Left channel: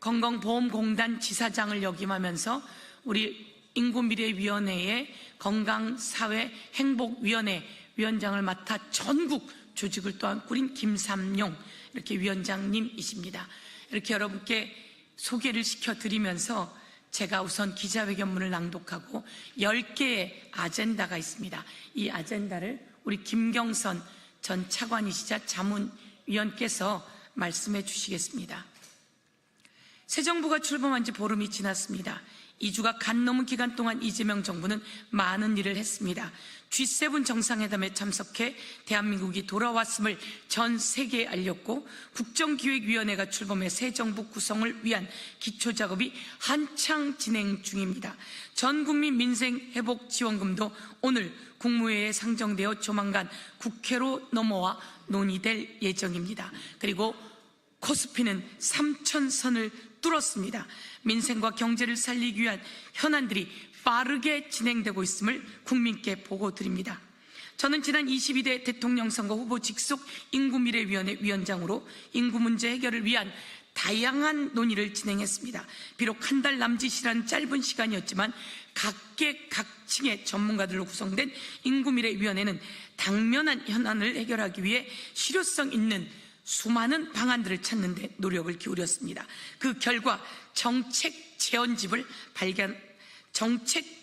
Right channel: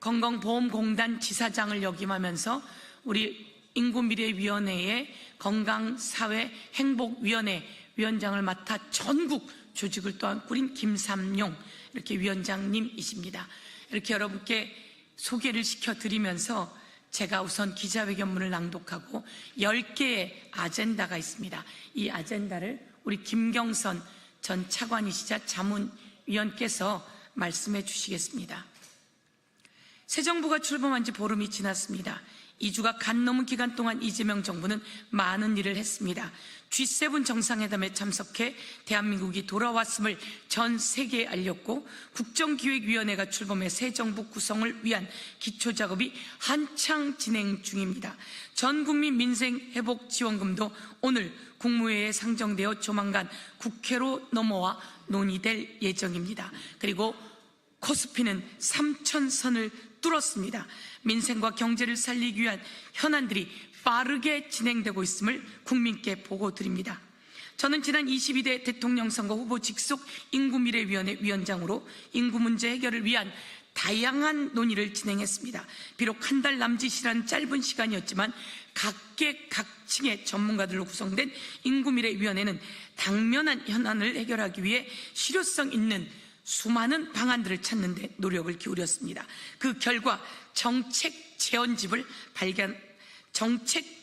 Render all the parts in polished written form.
건강보험공단 지사장을 역임하면서 우리 인구미래위원회의 건강사회행복위원회 위원장을 맡아 전국 조직을 또한 꾸린 김삼용 이렇게 위원장님이십니다. 이렇게 여러분께 소개를 시켜드리면서 제가 우선 기자회견문을 낭독하고 10개의 아젠다가 있습니다. 이 아젠다를 우리 김경선 전 차관이시자 자문위원께서 말씀해 주시겠습니다. 새 정부가 출범한 지 보름이 지났습니다. 2주가 간 넘은 기간 동안 이재명 정부는 많은 일을 했습니다. G7 정상회담에 참석해 대한민국이 돌아왔음을 전 세계에 알렸고 국정기획위원회가 출범해 새 정부 구성을 위한 기초작업이 한창 진행 중입니다. 전국민 민생회복지원금도 오늘 국무회의에 상정되어 조만간 국회로 넘어와 논의될 예정입니다. 그리고 코스피는 3,000선을 뚫었습니다. 민생과 경제를 살리기 위한 현안들이 빠르게 진행되고 있음을 국민께 보고드립니다. 저는 지난 22대 대통령 선거 후보 직속 인구미래위원회 위원장으로 인구 문제 해결을 위한 다양한 논의를 진행했습니다. 비록 한 달 남짓이라는 짧은 시간이었지만 각계각층의 전문가들로 구성된 인구미래위원회는 당면한 현안을 해결하기 위해 실효성 있는 수많은 방안들을 찾는 데 노력을 기울였습니다. 그 결과 정책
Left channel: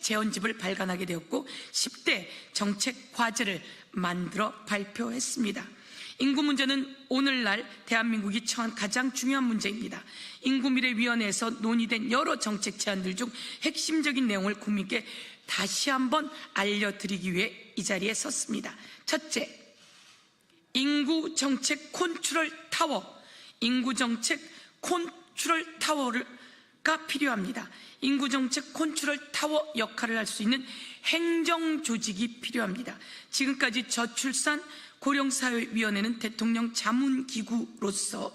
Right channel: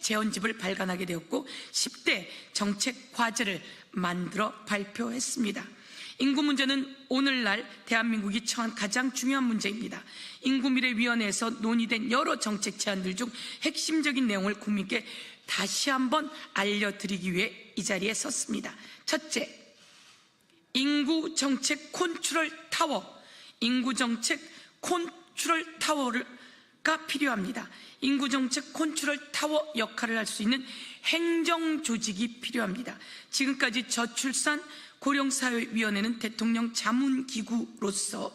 제언집을 발간하게 되었고 10대 정책 과제를 만들어 발표했습니다. 인구 문제는 오늘날 대한민국이 처한 가장 중요한 문제입니다. 인구미래위원회에서 논의된 여러 정책 제안들 중 핵심적인 내용을 국민께 다시 한번 알려드리기 위해 이 자리에 섰습니다. 첫째, 인구정책 컨트롤 타워, 인구정책 컨트롤 타워가 필요합니다. 인구정책 컨트롤 타워 역할을 할 수 있는 행정조직이 필요합니다. 지금까지 저출산 고령사회위원회는 대통령 자문기구로서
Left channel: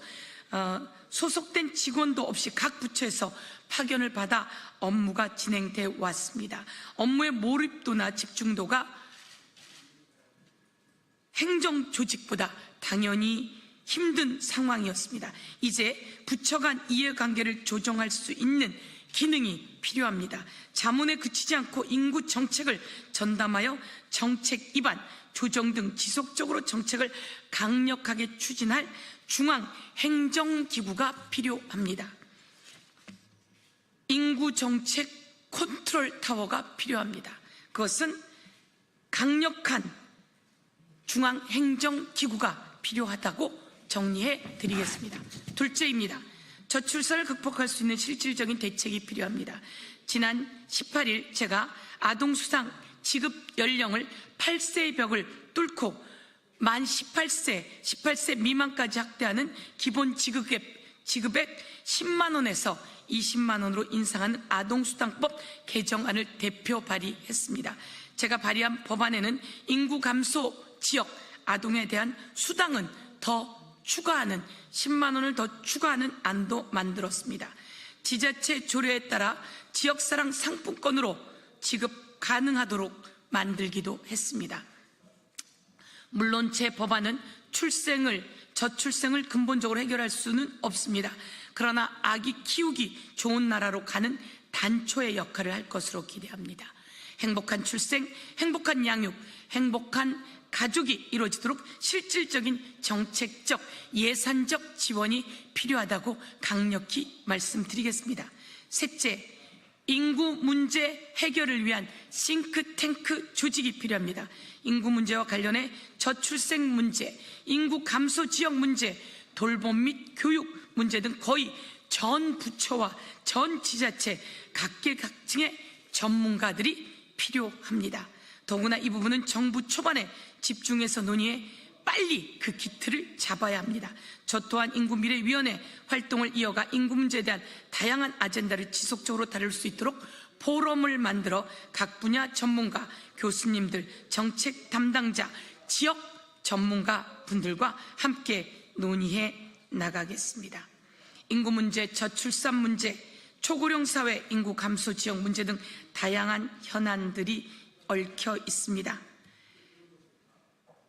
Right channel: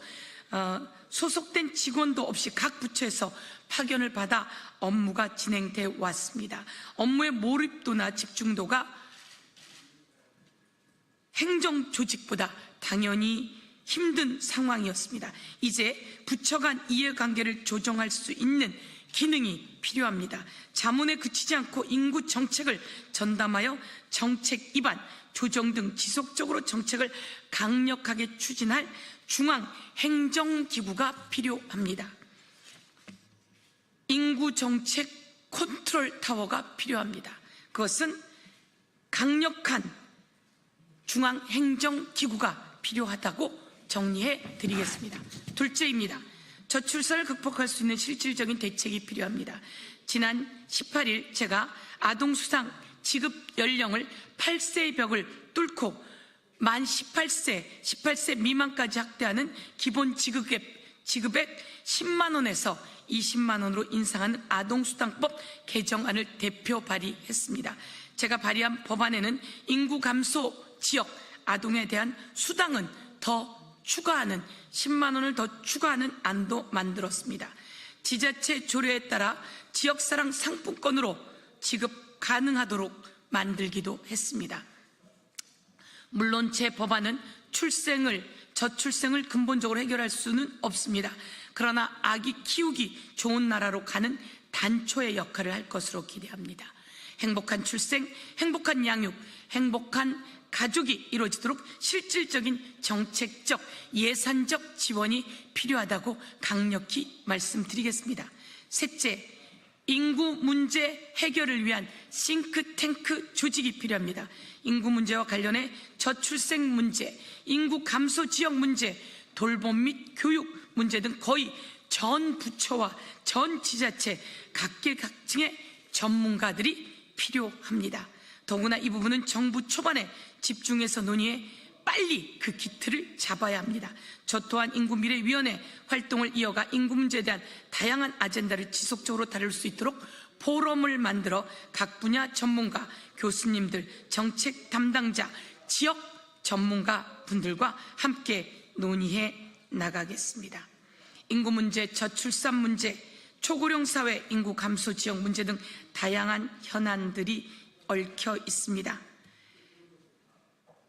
소속된 직원도 없이 각 부처에서 파견을 받아 업무가 진행되어 왔습니다. 업무의 몰입도나 집중도가 행정조직보다 당연히 힘든 상황이었습니다. 이제 부처 간 이해관계를 조정할 수 있는 기능이 필요합니다. 자문에 그치지 않고 인구 정책을 전담하여 정책 입안, 조정 등 지속적으로 정책을 강력하게 추진할 중앙행정기구가 필요합니다. 인구정책 컨트롤 타워가 필요합니다. 그것은 강력한 중앙행정기구가 필요하다고 정리해 드리겠습니다. 둘째입니다. 저출산을 극복할 수 있는 실질적인 대책이 필요합니다. 지난 18일 제가 아동수당 지급 연령을 8세의 벽을 뚫고 만 18세 미만까지 확대하는 기본 지급액 10만 원에서 20만 원으로 인상하는 아동수당법 개정안을 대표 발의했습니다. 제가 발의한 법안에는 인구 감소 지역 아동에 대한 수당은 더 추가하는 10만 원을 더 추가하는 안도 만들었습니다. 지자체 조례에 따라 지역사랑 상품권으로 지급 가능하도록 만들기도 했습니다. 물론 제 법안은 저출생을 근본적으로 해결할 수는 없습니다. 그러나 아기 키우기 좋은 나라로 가는 단초의 역할을 할 것으로 기대합니다. 행복한 출생, 행복한 양육, 행복한 가족이 이루어지도록 실질적인 정책적, 예산적 지원이 필요하다고 강력히 말씀드리겠습니다. 셋째, 인구 문제 해결을 위한 싱크탱크 조직이 필요합니다. 인구 문제와 관련해 저출생 문제, 인구 감소 지역 문제, 돌봄 및 교육 문제 등 거의 전 부처와 전 지자체 각계각층의 전문가들이 필요합니다. 더구나 이 부분은 정부 초반에 집중해서 논의해 빨리 그 기틀을 잡아야 합니다. 저 또한 인구미래위원회 활동을 이어가 인구 문제에 대한 다양한 아젠다를 지속적으로 다룰 수 있도록 포럼을 만들어 각 분야 전문가, 교수님들, 정책 담당자, 지역 전문가 분들과 함께 논의해 나가겠습니다. 인구 문제, 저출산 문제, 초고령 사회, 인구 감소 지역 문제 등 다양한 현안들이 얽혀 있습니다.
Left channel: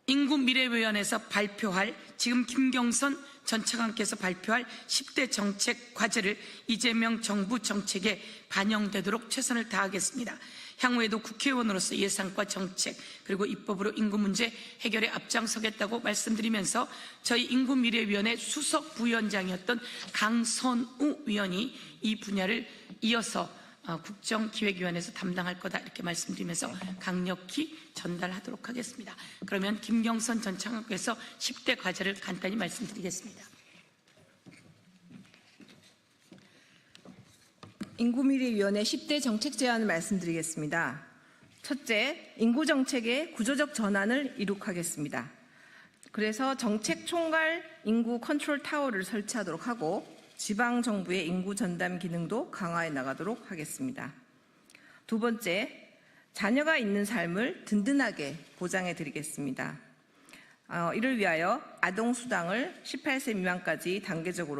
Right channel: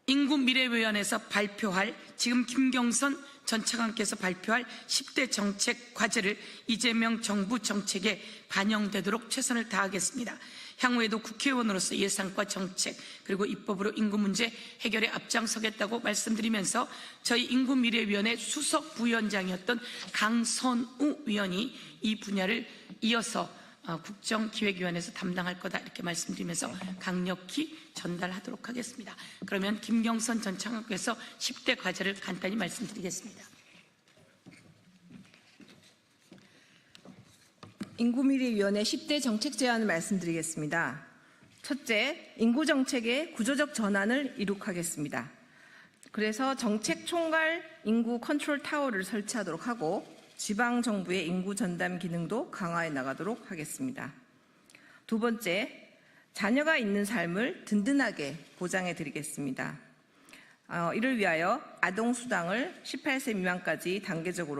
인구미래위원회에서 발표할 지금 김경선 전 차관께서 발표할 10대 정책 과제를 이재명 정부 정책에 반영되도록 최선을 다하겠습니다. 향후에도 국회의원으로서 예산과 정책 그리고 입법으로 인구 문제 해결에 앞장서겠다고 말씀드리면서 저희 인구미래위원회 수석 부위원장이었던 강선우 위원이 이 분야를 이어서 국정기획위원회에서 담당할 거다 이렇게 말씀드리면서 강력히 전달하도록 하겠습니다. 그러면 김경선 전 차관께서 10대 과제를 간단히 말씀드리겠습니다. 인구미래위원회 10대 정책 제안을 말씀드리겠습니다. 첫째, 인구정책의 구조적 전환을 이룩하겠습니다. 그래서 정책 총괄 인구 컨트롤 타워를 설치하도록 하고 지방정부의 인구 전담 기능도 강화해 나가도록 하겠습니다. 두 번째, 자녀가 있는 삶을 든든하게 보장해 드리겠습니다. 이를 위하여 아동수당을 18세 미만까지 단계적으로